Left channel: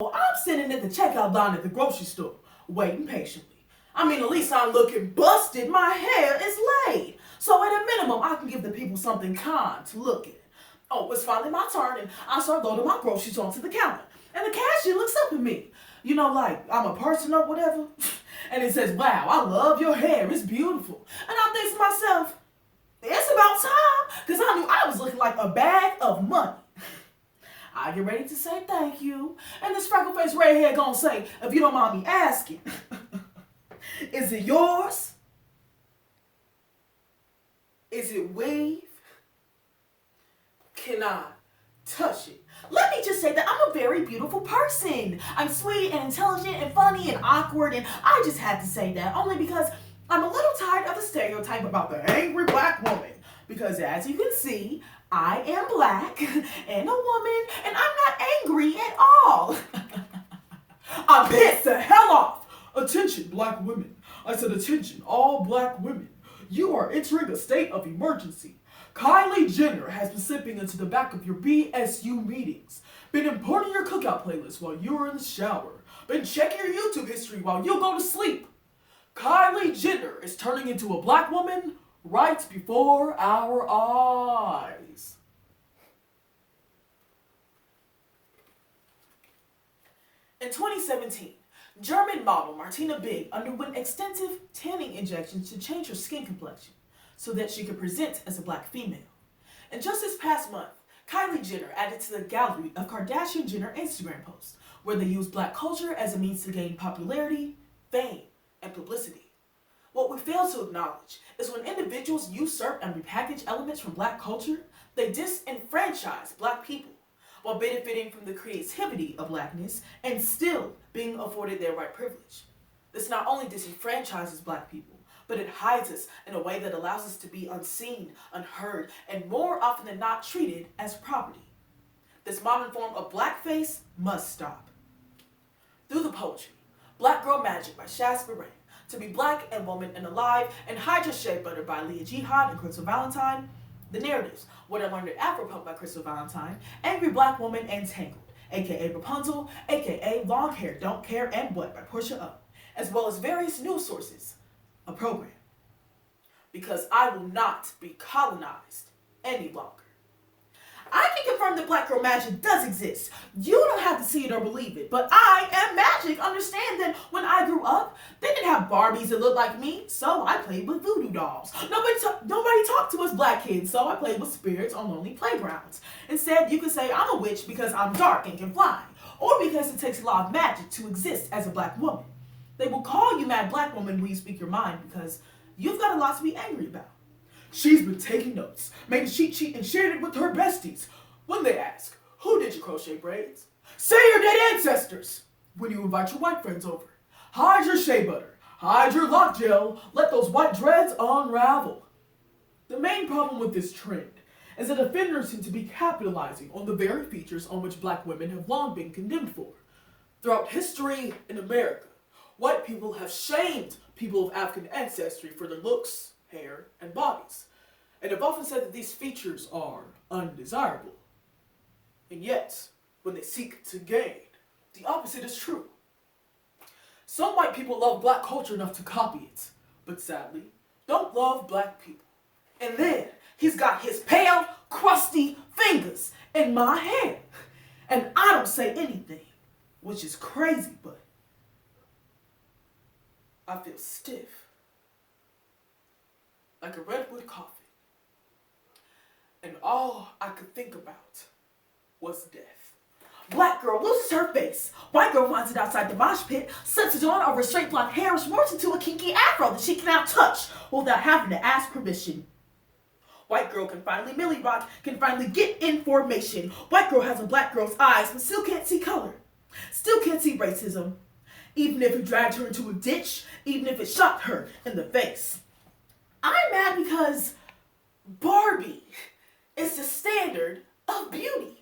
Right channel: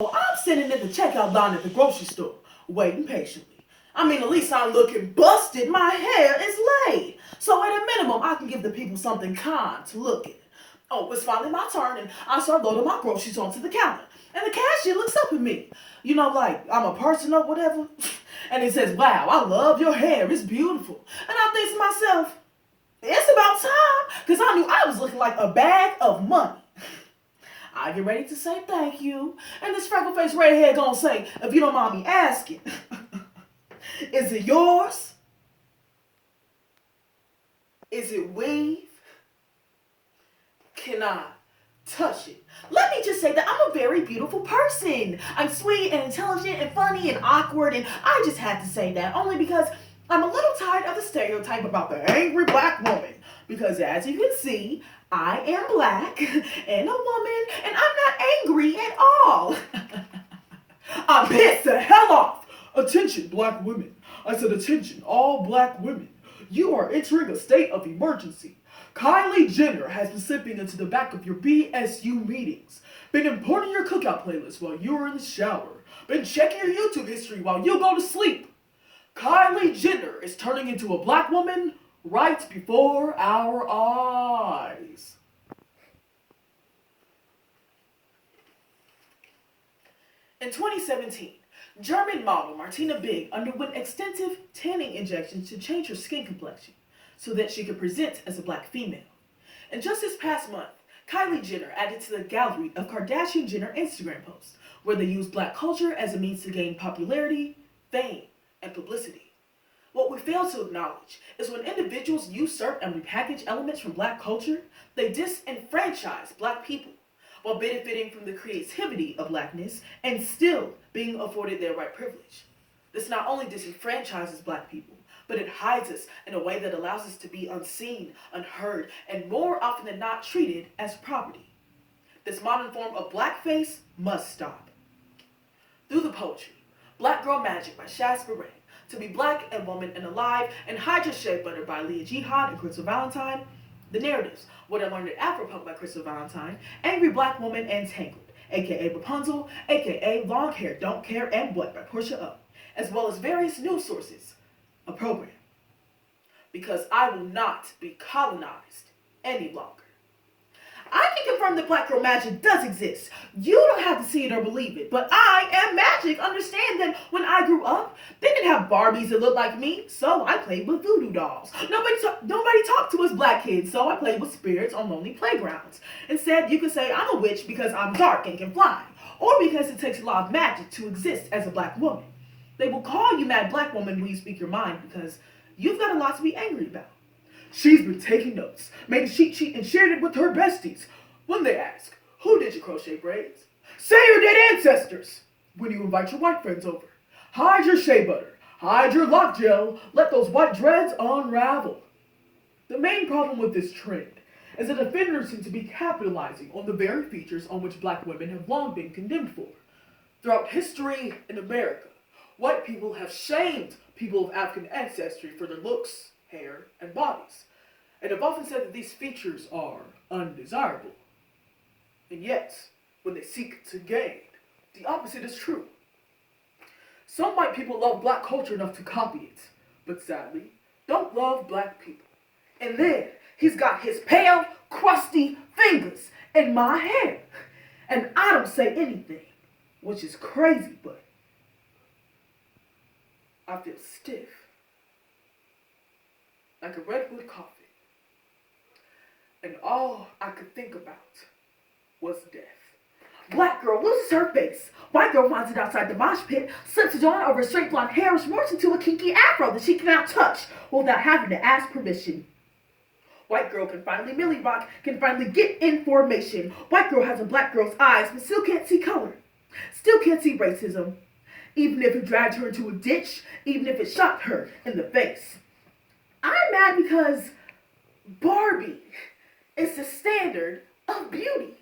Well, I'm sitting at the checkout line at the grocery store, waiting patiently. I mean, at least I'm looking busted. My hair is laid. So at a minimum, I can give the people something kind to look at. Oh, it's finally my turn, and I start loading my groceries onto the counter. And the cashier looks up at me. You know, like I'm a person or whatever. And he says, "Wow, I love your hair. It's beautiful." And I think to myself, it's about time, because I knew I was looking like a bag of money. I get ready to say thank you. And this freckle-faced redhead gonna say, "If you don't mind me asking, is it yours? Is it weave? Can I touch it?" Let me just say that I'm a very beautiful person. I'm sweet and intelligent and funny and awkward, and I just had to say that only because I'm a little tired of the stereotype about the angry black woman. Because as you can see, I am black and a woman, and I'm not angry at all. I'm pissed the hell off. Attention, black women. I said attention, all black women. You are entering a state of emergency. Kylie Jenner has been slipping into the back of your BSU meetings, been importing your cookout playlist while you were in the shower, been checking your YouTube history while you go to sleep. Kylie Jenner is turning into a black woman right before our eyes. In 2017, German model Martina Big underwent extensive tanning injections to change her skin complexion so that she could present as a black female. And just this past month, Kylie Jenner added to the gallery of Kardashian-Jenner Instagram posts where they use black culture as a means to gain popularity, fame, and publicity. What we fail to acknowledge is when individuals usurp and repackage elements from black culture, they disenfranchise black people while benefiting from the creativity of blackness and still being afforded their right privilege. This not only disenfranchises black people, but it hides us in a way that allows us to be unseen, unheard, and more often than not treated as property. This modern form of blackface must stop. Through the poetry, Black Girl Magic by Shaz Beret, To Be Black and Woman and Alive, and Hide Your Shea Butter by Leah Jihad and Crystal Valentine, the narratives, What I Learned at Afropunk by Crystal Valentine, Angry Black Woman and Tangled, aka Rapunzel, aka Long Hair, Don't Care, and What by Portia O, as well as various news sources, a program. Because I will not be colonized any longer. I can confirm that Black Girl Magic does exist. You don't have to see it or believe it, but I am magic. Understand that when I grew up, they didn't have Barbies that looked like me, so I played with voodoo dolls. Nobody talked to us black kids, so I played with spirits on lonely playgrounds. Instead, you could say I'm a witch because I'm dark and can fly, or because it takes a lot of magic to exist as a black woman. They will call you mad black woman when you speak your mind because you've got a lot to be angry about. She's been taking notes, made a cheat sheet, and shared it with her besties. When they ask, "Who did your crochet braids?" Say your dead ancestors. When you invite your white friends over, hide your shea butter, hide your lock gel, let those white dreads unravel. The main problem with this trend is that offenders seem to be capitalizing on the very features on which black women have long been condemned for. Throughout history in America, white people have shamed people of African ancestry for their looks, hair, and bodies, and have often said that these features are undesirable. And yet, when they seek to gain, the opposite is true. Some white people love black culture enough to copy it, but sadly, don't love black people. And then, he's got his pale, crusty fingers in my hair, and I don't say anything, which is crazy, but I feel stiff, like a redwood coffin. And all I could think about was death. Black girl loses her face. White girl finds it outside the mosh pit, slips it on over straight blonde hair, and morphs into a kinky afro that she cannot touch without having to ask permission. White girl can finally Millie Rock, can finally get information. White girl has a black girl's eyes, but still can't see color. Still can't see racism. Even if it dragged her into a ditch, even if it shot her in the face. I'm mad because Barbie is the standard of beauty.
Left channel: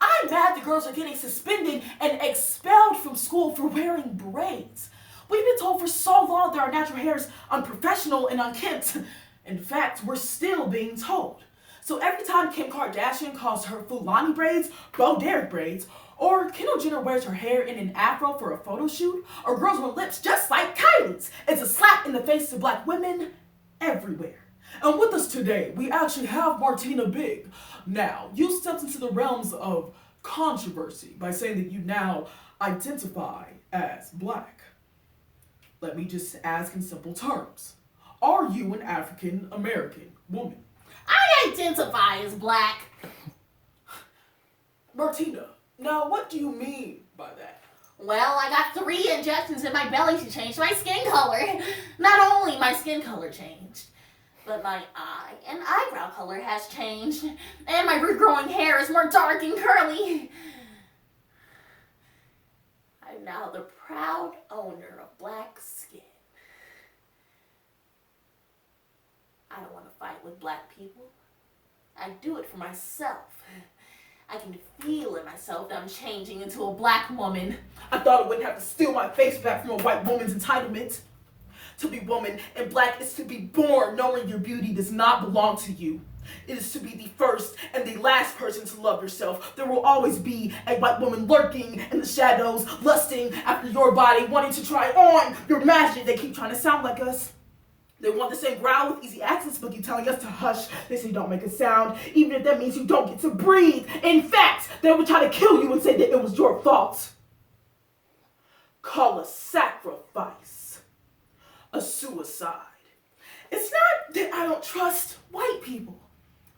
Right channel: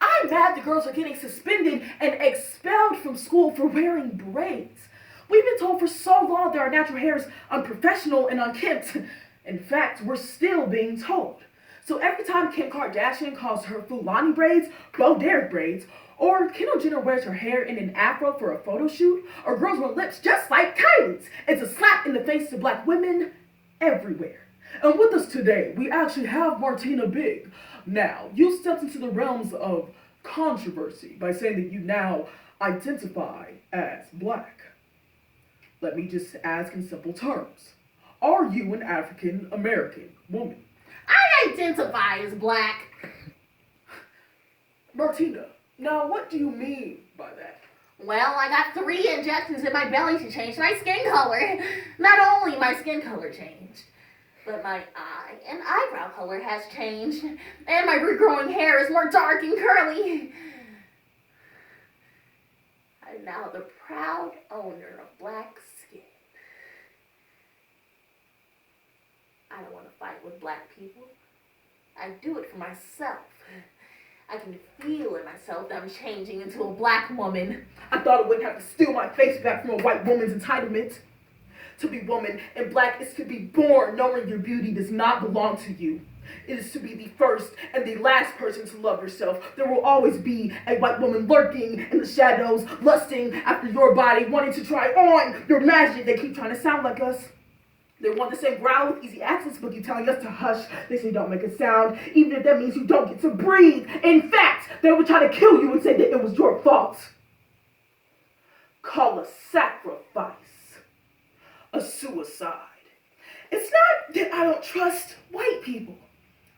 I'm mad the girls are getting suspended and expelled from school for wearing braids. We've been told for so long that our natural hair is unprofessional and unkempt. In fact, we're still being told. So every time Kim Kardashian calls her Fulani braids Bo Derek braids, Or Kendall Jenner wears her hair in an afro for a photo shoot, or girls with lips just like Kylie's. It's a slap in the face to black women everywhere. And with us today, we actually have Martina Big. Now, you stepped into the realms of controversy by saying that you now identify as black. Let me just ask in simple terms. Are you an African American woman? I identify as black. Martina, now what do you mean by that? Well, I got 3 injections in my belly to change my skin color. Not only my skin color changed, but my eye and eyebrow color has changed. And my regrowing hair is more dark and curly. I'm now the proud owner of black skin. I don't want to fight with black people. I do it for myself. I can feel in myself that I'm changing into a black woman. I thought I wouldn't have to steal my face back from a white woman's entitlement. To be woman and black is to be born knowing your beauty does not belong to you. It is to be the first and the last person to love yourself. There will always be a white woman lurking in the shadows, lusting after your body, wanting to try on your magic. They keep trying to sound like us. They want the same growl with easy accents, but you telling us to hush. They say don't make a sound, even if that means you don't get to breathe. In fact, they would try to kill you and say that it was your fault. Call a sacrifice a suicide. It's not that I don't trust white people.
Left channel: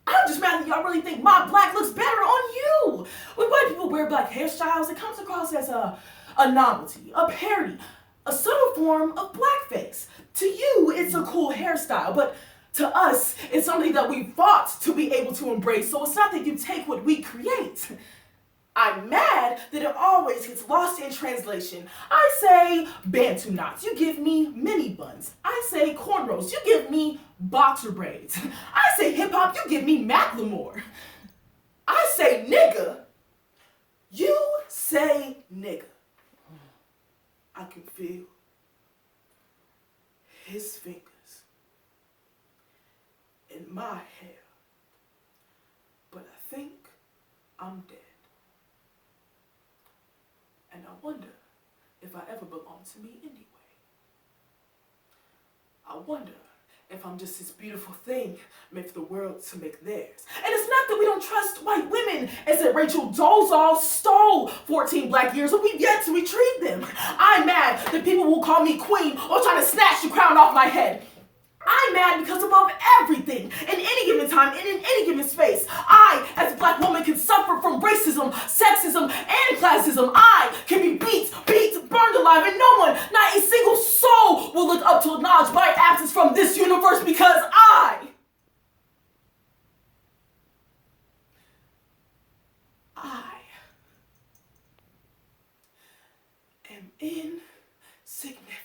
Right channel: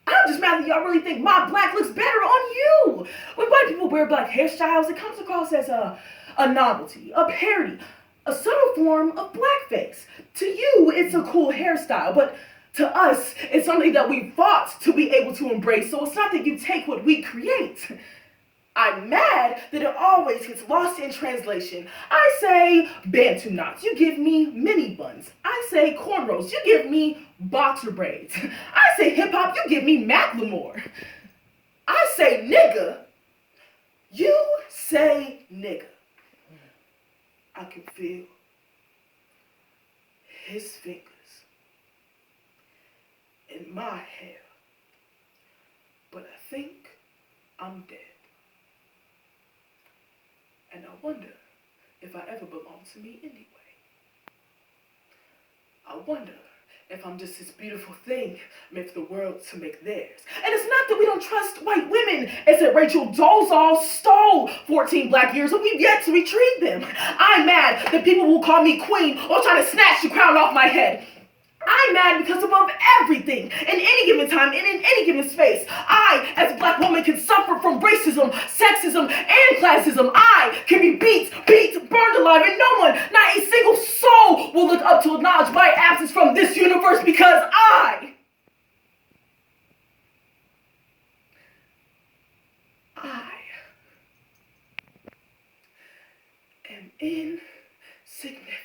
I'm just mad that y'all really think my black looks better on you. When white people wear black hairstyles, it comes across as a novelty, a parody, a subtle form of blackface. To you, it's a cool hairstyle, but to us, it's something that we fought to be able to embrace, so it's not that you take what we create. I'm mad that it always gets lost in translation. I say Bantu knots, you give me mini buns. I say cornrows, you give me boxer braids. I say hip hop, you give me Macklemore. I say nigga, you say nigga. I can feel his fingers in my hair, but I think I'm dead. And I wonder if I ever belong to me anyway. I wonder if I'm just this beautiful thing meant for the world to make theirs. And it's not that we don't trust white women. It's that Rachel Dolezal stole 14 black years and we've yet to retrieve them. I'm mad that people will call me queen or try to snatch the crown off my head. I'm mad because above everything, in any given time, and in any given space, I, as a black woman, can suffer from racism, sexism, and classism. I can be beat, burned alive, and no one, not a single soul, will look up to acknowledge my absence from this universe because I am insignificant.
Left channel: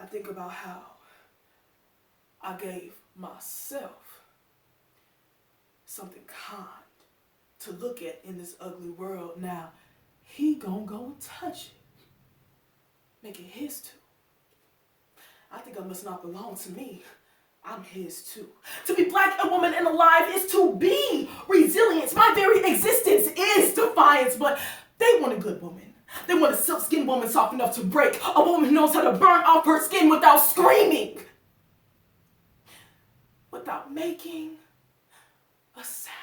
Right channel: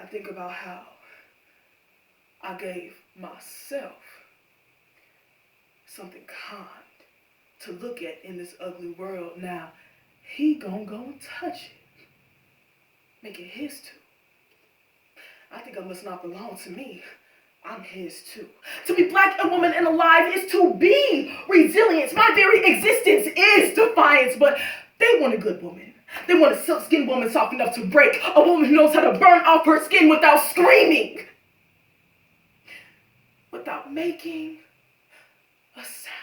I think about how I gave myself something kind to look at in this ugly world. Now, he gonna go and touch it. Make it his too. I think I must not belong to me. I'm his too. To be black, a woman, and alive is to be resilient. My very existence is defiance, but they want a good woman. They want a silk-skinned woman soft enough to break. A woman who knows how to burn off her skin without screaming. Without making a sound.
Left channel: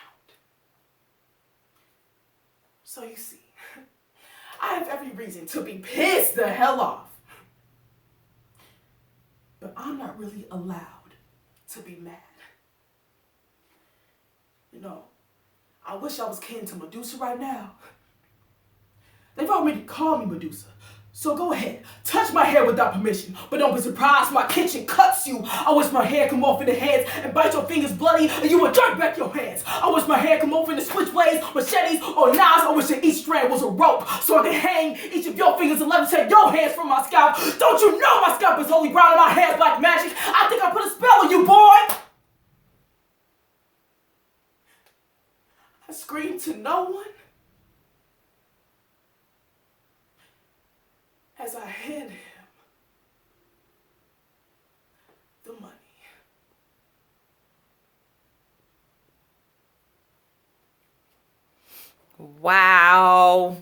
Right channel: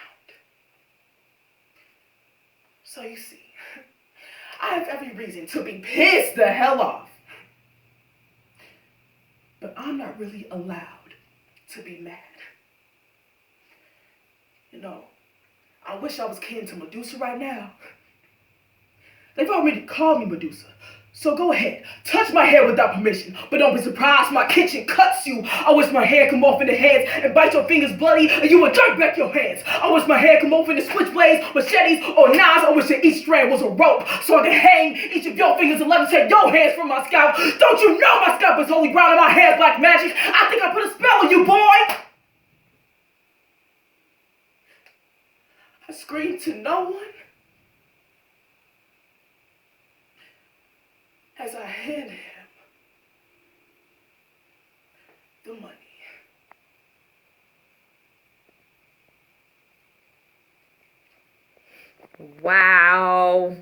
So you see, I have every reason to be pissed the hell off. But I'm not really allowed to be mad. You know, I wish I was kin to Medusa right now. They've already called me Medusa. So go ahead, touch my hair without permission, but don't be surprised my kitchen cuts you. I wish my hair come off in the heads and bite your fingers bloody and you would jerk back your hands. I wish my hair come off in the switchblades, machetes, or knives. I wish that each strand was a rope so I could hang each of your fingers and levitate your hands from my scalp. Don't you know my scalp is holy ground and my hair's black magic? I think I put a spell on you, boy. I screamed to no one as I handed him the money. Wow.